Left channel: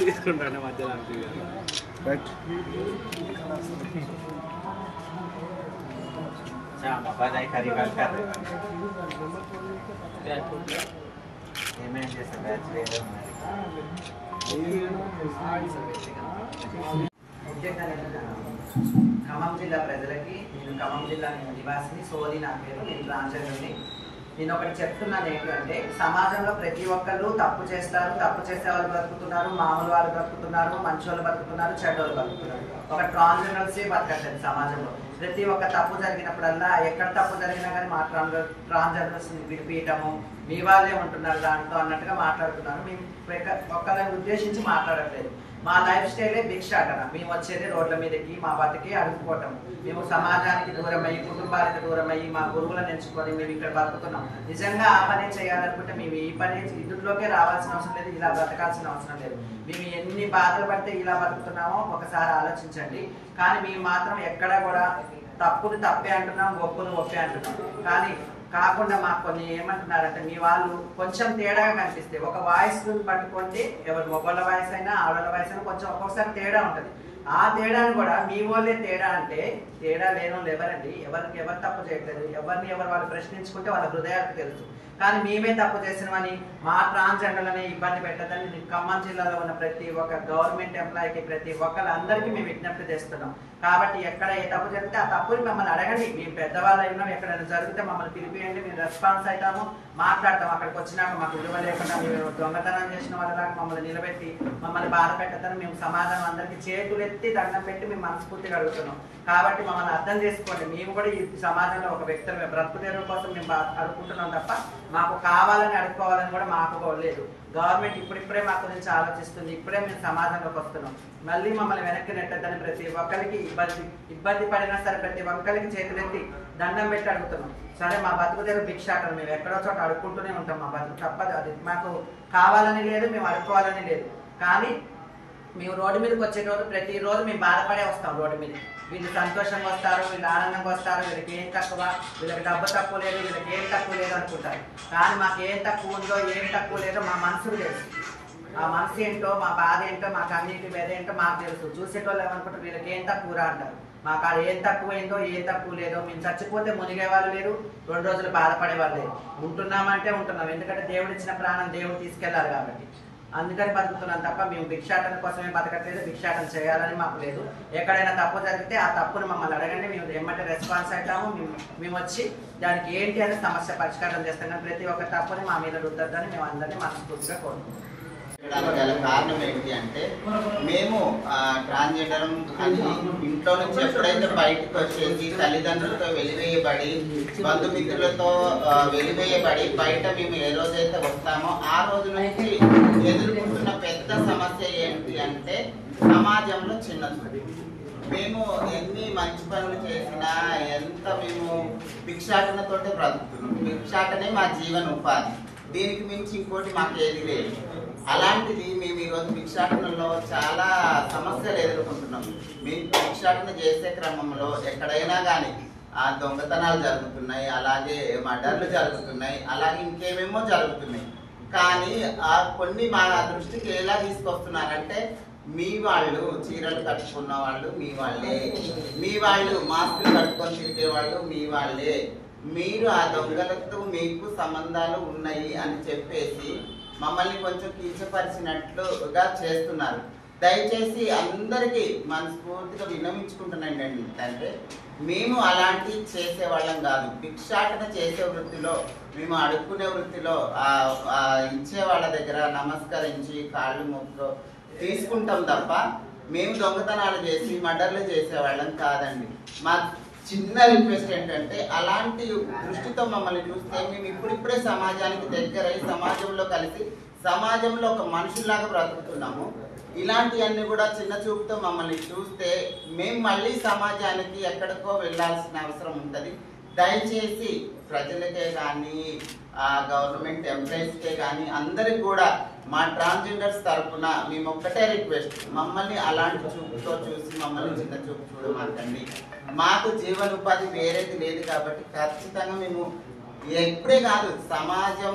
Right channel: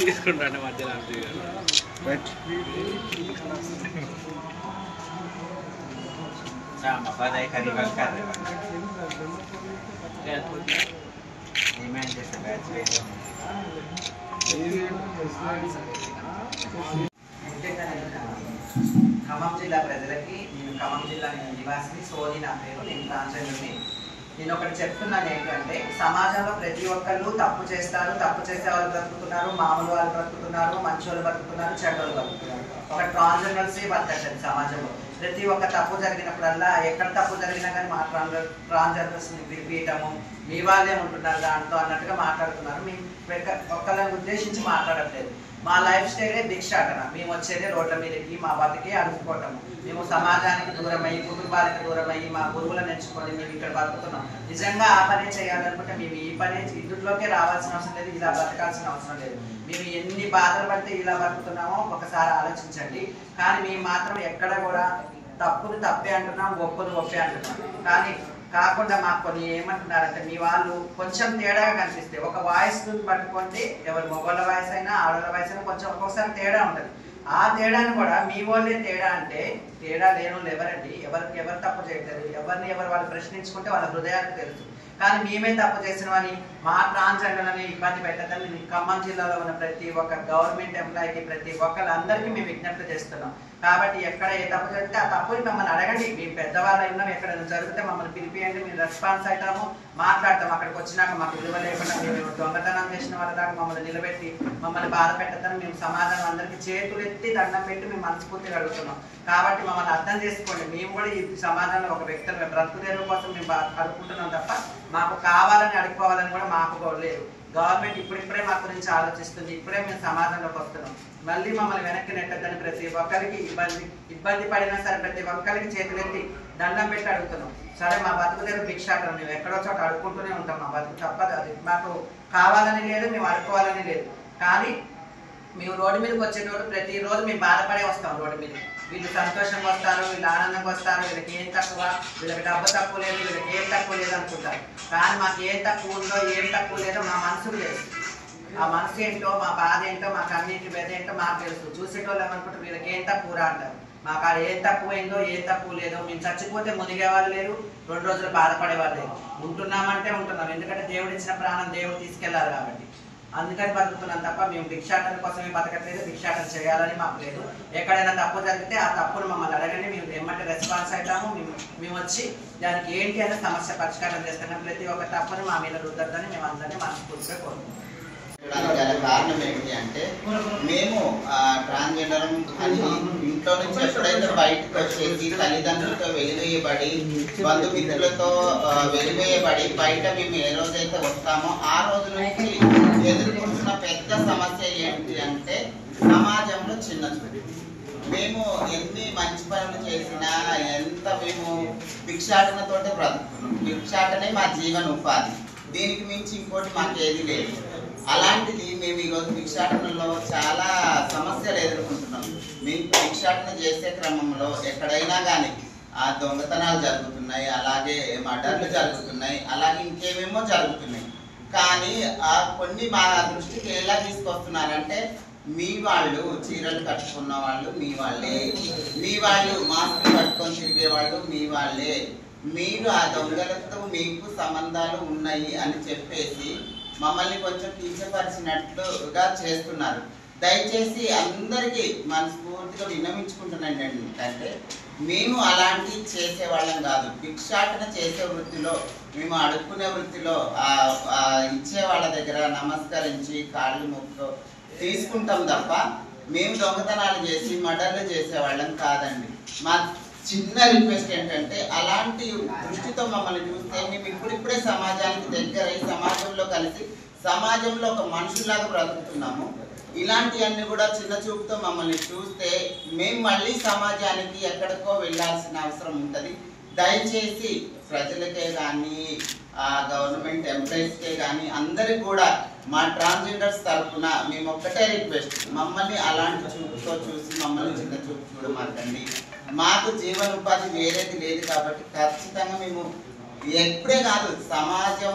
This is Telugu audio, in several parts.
తీసుకుంటాను మధ్యలో రైట్ मफादाई खरीबाल कर रहे हैं जैसे बैच ले ఖమ్మం జిల్లా ప్రజలకి నేను ఖమ్మం జిల్లా నివాసిని సోది నా పేరు నేను ట్రాన్స్జెండర్ని నేను ఒకటి చెప్తున్నాను ఏంటంటే సమాజంలో ప్రతి ఒక్కళ్ళు తప్పు చేస్తారు తప్పు చేసే వాళ్ళు బ్రతుకుతున్నారు మామూలు వాళ్ళు బ్రతుకుతున్నారు మంచి వాళ్ళు బ్రతుకుతున్నారు చెడ్డ వాళ్ళు బ్రతుకుతున్నారు ఒక ట్రాన్స్జెండర్సే బతకట్లేదు సమాజంలో ప్రతి ఒక్క తప్పు జరిగినప్పుడల్లా ఎక్కడ తప్పు జరిగినా కానీ మా ట్రాన్స్జెండర్స్ని విడిపీయటము మీ వాళ్ళే ఉంటున్నారు దాంట్లో అన్నట్టుగా మాట్లాడుతున్నారు మేము ఒక్కరిని ఉద్దేశించి మాట్లాడట్లేదు మా లైఫ్ స్టైలే భిక్షాటన మేము వచ్చేది రోడ్ల మీదకి మా బతికి అడుగుకోవటం మేము సమాజానికి దూరమయ్యి కుటుంబానికి దూరమయ్యి మా గురువులను ఎంచుకొని మేము ఇక్కడ బతుకుతున్నాం నిజంగా ఆ పనే చేయాలనుకుంటే మేము ఈ పనే ఇందులోకే రావాల్సిన అవసరం లేదు ఇలా బతకాల్సిన అవసరం లేదు మేము ఎన్ని బాధలు పడితే ఇలా బతుకుతున్నామో ఒకసారి ఆలోచించండి కానీ మేము మాత్రం ఎక్కడ కూడా తప్పును తప్పే అంటున్నాం ఒప్పును ఒప్పే అంటున్నాం కానీ కాకుండా మాకు కొన్ని ఏమంటున్నారంటే మీ వాళ్ళు కొంచెం తేడాగా కనిపిస్తే ఒక వాయిస్ పట్టుకుంటే ఎవరు మగవాళ్ళ వాయిస్ అయినా ఆడవాళ్ళ వాయిస్ అయినా కొంచెం ఒక్కొక్కసారి తేడా ఉంటుంది ఆ తేడాను కూడా మీ వాళ్ళే తేడా అంటే తేడా లేని వాళ్ళు ఎవరండి ఎవరు తప్పు చేయట్లేదు ఎవరిని ఎవరు వాళ్ళు ప్రశ్నించుకుంటే వాళ్ళ హృదయాలకు తెలుసు కానీ మేమే తప్పు చేసినవని మా ట్రాన్స్జెండర్లని ఇబ్బంది పెట్టదని ఖమ్మం జిల్లాలో ఉన్న ప్రతి ఒక్క గవర్నమెంట్ ఎంప్లాయీకి ప్రతి ఒక్కళ్ళందరికీ మేము విజ్ఞప్తి చేస్తున్నాం కాబట్టి ఎక్కడ ఏ తప్పు జరిగితే ఆ తప్పుని మమ్మల్ని అడగండి మేము పెద్దవాళ్ళు అయినా ఎక్కడైనా జరిగితే మమ్మల్ని పిలిపియండి మేము రెస్పాన్స్ అవుతాము మాట్లాడతాం అక్కడికి వచ్చినాక మాకు విలువ లేకుండా మేము దొంగతనం చేసిన వాళ్ళలాగా మమ్మల్ని నిలబెట్టి మమ్మల్ని బాధ పెట్టద్దని మేము సమాజం అందరికీ చేతులెత్తి దండం పెట్టి మేము మనస్ఫూర్తిగా అడుగుతున్నాం కాబట్టి మమ్మల్ని అర్థం చేసుకోండి మేము కూడా ఈ సమాజంలో ఒక వ్యక్తులు బ్రతుకు తెరువు కోసం మేము అడుగుకుంటున్నాం తప్ప మాకు కావాలని అడుక్కోవాలని కూడా మాకు లేదు గవర్నమెంట్ ఇప్పుడిప్పుడే మా గురించి ఆలోచిస్తుంది ఇప్పుడే మేము సమాజంలోకి వస్తున్నాం మళ్ళీ మమ్మల్ని వెనక్కి నెట్టద్దని ప్రతి ఒక్కరికి ఇబ్బంది పడినా సరే ప్రతి ఒక్కరికి చేతులెత్తి దండం పెట్టి అడుగుతున్నాం సరే మా బతుకు తెరువు భిక్షాటం మేము ఎక్కడో చోట అడుక్కుంటూనే ఉంటాం మా బతుకు తప్పదు అది మాకు కావాలని లేదు మేము అడుక్కోవాలని లేదు కానీ మేము రోడ్డు మీదకి వచ్చేటోడు ప్రతిరోజు మేము బాధపడే వస్తాం రోడ్డు మీద వీళ్ళు సంతోషంగా వస్తారు వీళ్ళు ఆనందంగా వస్తారు వీళ్ళకి ఏం తక్కువ వీళ్ళకి డబ్బు తక్కువ లేదు వీళ్ళకి ఏం తక్కువ లేదు అనుకుంటారు కానీ మాకు ఏం తక్కువ ఉందో ఏం తక్కువ లేదో మా మనసుకు తెలుసు ఆ మనసు ఏంటో మా బాధ ఏంటో మా కన్నీటి బేద ఏంటో మాకు తెలుసు చూసేటోళ్ళు ఏమనుకుంటారు వీళ్ళకి ఏం తక్కువ అంటారు మాకు ఆడ ఏం తక్కువైందో ఏం తక్కువ లేదో మేము చచ్చిపోతే మునిగేవాళ్ళు లేరు 2 రోజులు బాధపడేవాళ్ళు లేరు ఉంటున్నామంటే ఉంటున్నాం ఎందుకంటే దేవుడు ఇచ్చిన ప్రాణం దేవుడు తీసుకెళ్లారు కాబట్టి అందుకని బతుకుతున్నాం తప్ప మేము భిక్షాటన కోసమే బతకట్లేదు భిక్షాటన చేయాలని మాకు లేదు ఎక్కడైనా తప్పు జరిగితే ఆ తప్పును మమ్మల్ని అడగండి మేము ఏమంటే రెస్పాన్స్ అవుతాము మేము వచ్చి దానికి ఏంటి అనే సమస్య పరిష్కారం చేస్తాం కానీ ప్రతి ఒక్క తప్పుని మా మీద రుద్దద్దని మేము అందరినీ మనస్ఫూర్తిగా కోరుకుంటున్నాం గల కారణం ఏంటి అంటే మేము ట్రాన్స్జెండర్ అని ఇంట్లో నుంచి ఎప్పుడైతే బయటకు వచ్చేసి తల్లిదండ్రులతో వెలివేయబడి బంధుమిత్రులతో వెలివేయబడి బయట మేము ఏ రోజైతే వస్తామో ఆ రోజు నుంచి ఎదుర్కొంటున్న పెద్ద సమస్య ఏంటి అంటే సమాజంలో చిన్న చూపు మేము ఎన్ని మంచి పనులు చేసినా ఎంత మేము భిక్షాటనతోటే బ్రతుకుతున్నాం భిక్షాటనే మా జీవన ఉపాధి దీనికి మించి ఇంకోటి మాకు ఏది లేదు అలాంటిది మేము ఈరోజు భిక్షాటనలో చాలా సమస్యలు ఎదుర్కొంటున్నాం మేము భిక్షాటన చేసే క్రమంలో ఎక్కడైనా కానీ ఆ దొంగతనాలు జరుగుతున్నాయి అలాగే మర్డర్లు జరుగుతున్నాయి అలాగే ఇంకేమేమో జరుగుతున్నాయి కానీ ఆ కొన్ని మా దృష్టికి ఎలా తీసుకొస్తున్నారంటే మీ వాళ్ళు చీరలు కట్టుకున్న వాళ్ళు మీ వాళ్ళే మీ వాళ్ళు మాస్కులు కట్టుకొని తిరిగే వాళ్ళు మీ వాళ్ళే మీరు ఆ దొంగలతో మీకు సంబంధాలు ఉన్నాయి అని చెప్పేసి మమ్మల్ని కొంచెం కించపరిచినట్లుగా చేస్తున్నారు దయచేసి అందరికీ మనస్ఫూర్తిగా విన్నవించుకుంటున్నాను ఏంటంటే మేము అలాంటి చేసే వాళ్ళం కాదు భిక్షాటన చేసే వృత్తిలో మేము అడుక్కునే వృత్తిలో ఇచ్చే వాళ్ళ దగ్గర నమస్కరించి కాళ్ళు మొక్కు తీసుకుంటాం తప్ప మేము దొంగతనాలు చేసి మర్డర్లు చేసే వాళ్ళం కాదండి మా చిన్న రిక్వెస్ట్ ఏంటంటే అలాంటి దృష్టితో మమ్మల్ని చూస్తే మేము ఇప్పుడిప్పుడే సమాజానికి దగ్గరై సమాజంలో కలిసి సమాజంలో ఒక మనుషుల్లాగా బ్రతుకుతున్నాము ఇలాంటివన్నీ కూడా చిన్న చూపుతో మమ్మల్ని చూస్తే మేము మళ్ళీ సమాజానికి ఎక్కడికో వెళ్ళాల్సిన అవసరం ఉంటుంది దయచేసి ప్రజలకే కానీ గవర్నమెంట్ ఎంప్లాయీస్కే కానీ అందరికి కూడా మా ట్రాన్స్జెండర్స్ తరఫున మేము ఒక్కటే రిక్వెస్ట్ మమ్మల్ని అలాంటి చూపుతో చూసి మమ్మల్ని చిన్న చూపు చూడమాకండి మాకు జీవనోపాధి వేరేది లేదు కాబట్టి ఖచ్చితంగా మేము ఎప్పుడే కాదు, సమాజం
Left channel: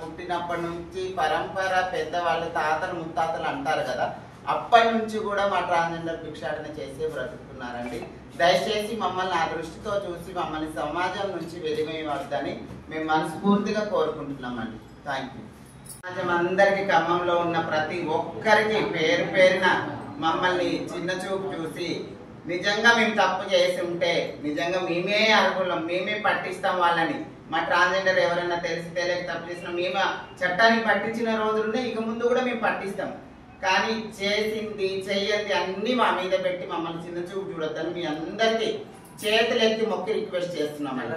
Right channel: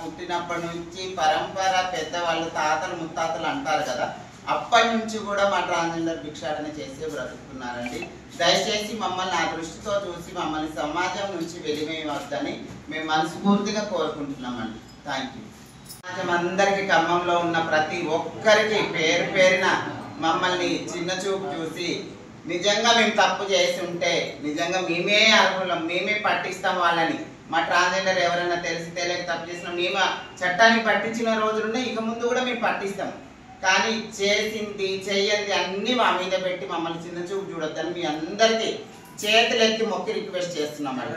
పుట్టినప్పటి నుంచి పరంపర పెద్దవాళ్ళు తాతలు ముత్తాతలు అంటారు కదా, అప్పటి నుంచి కూడా మా ట్రాన్స్జెండర్ భిక్షాటన చేసే బ్రతుకుతున్నారండి. దయచేసి మమ్మల్ని ఆ దృష్టితో చూసి మమ్మల్ని సమాజం నుంచి వెలివేయవద్దని మేము మనస్ఫూర్తిగా కోరుకుంటున్నామండి. Thank you. సమాజం అందరికీ, ఖమ్మంలో ఉన్న ప్రతి ఒక్కరికి పేరు పేరున మమ్మల్ని చిన్న చూపు చూసి నిజంగా మేము తప్పు చేసి ఉంటే నిజంగా మేమే అర్హులం, మేమే పట్టిస్తాం వాళ్ళని. మా ట్రాన్స్జెండర్ ఎవరైనా తెలిసి తెలియక తప్పు చేసినా మేము చట్టాన్ని పట్టించిన రోజులుండే, ఇక ముందు కూడా మేము పట్టిస్తాం. కానీ చేసింది చెయ్యంది అన్నీ మా మీద పెట్టి మమ్మల్ని చిన్న చూపు చూడొద్దని మీ అందరికీ చేతులెత్తి మొక్కి రిక్వెస్ట్ చేస్తున్నామండి.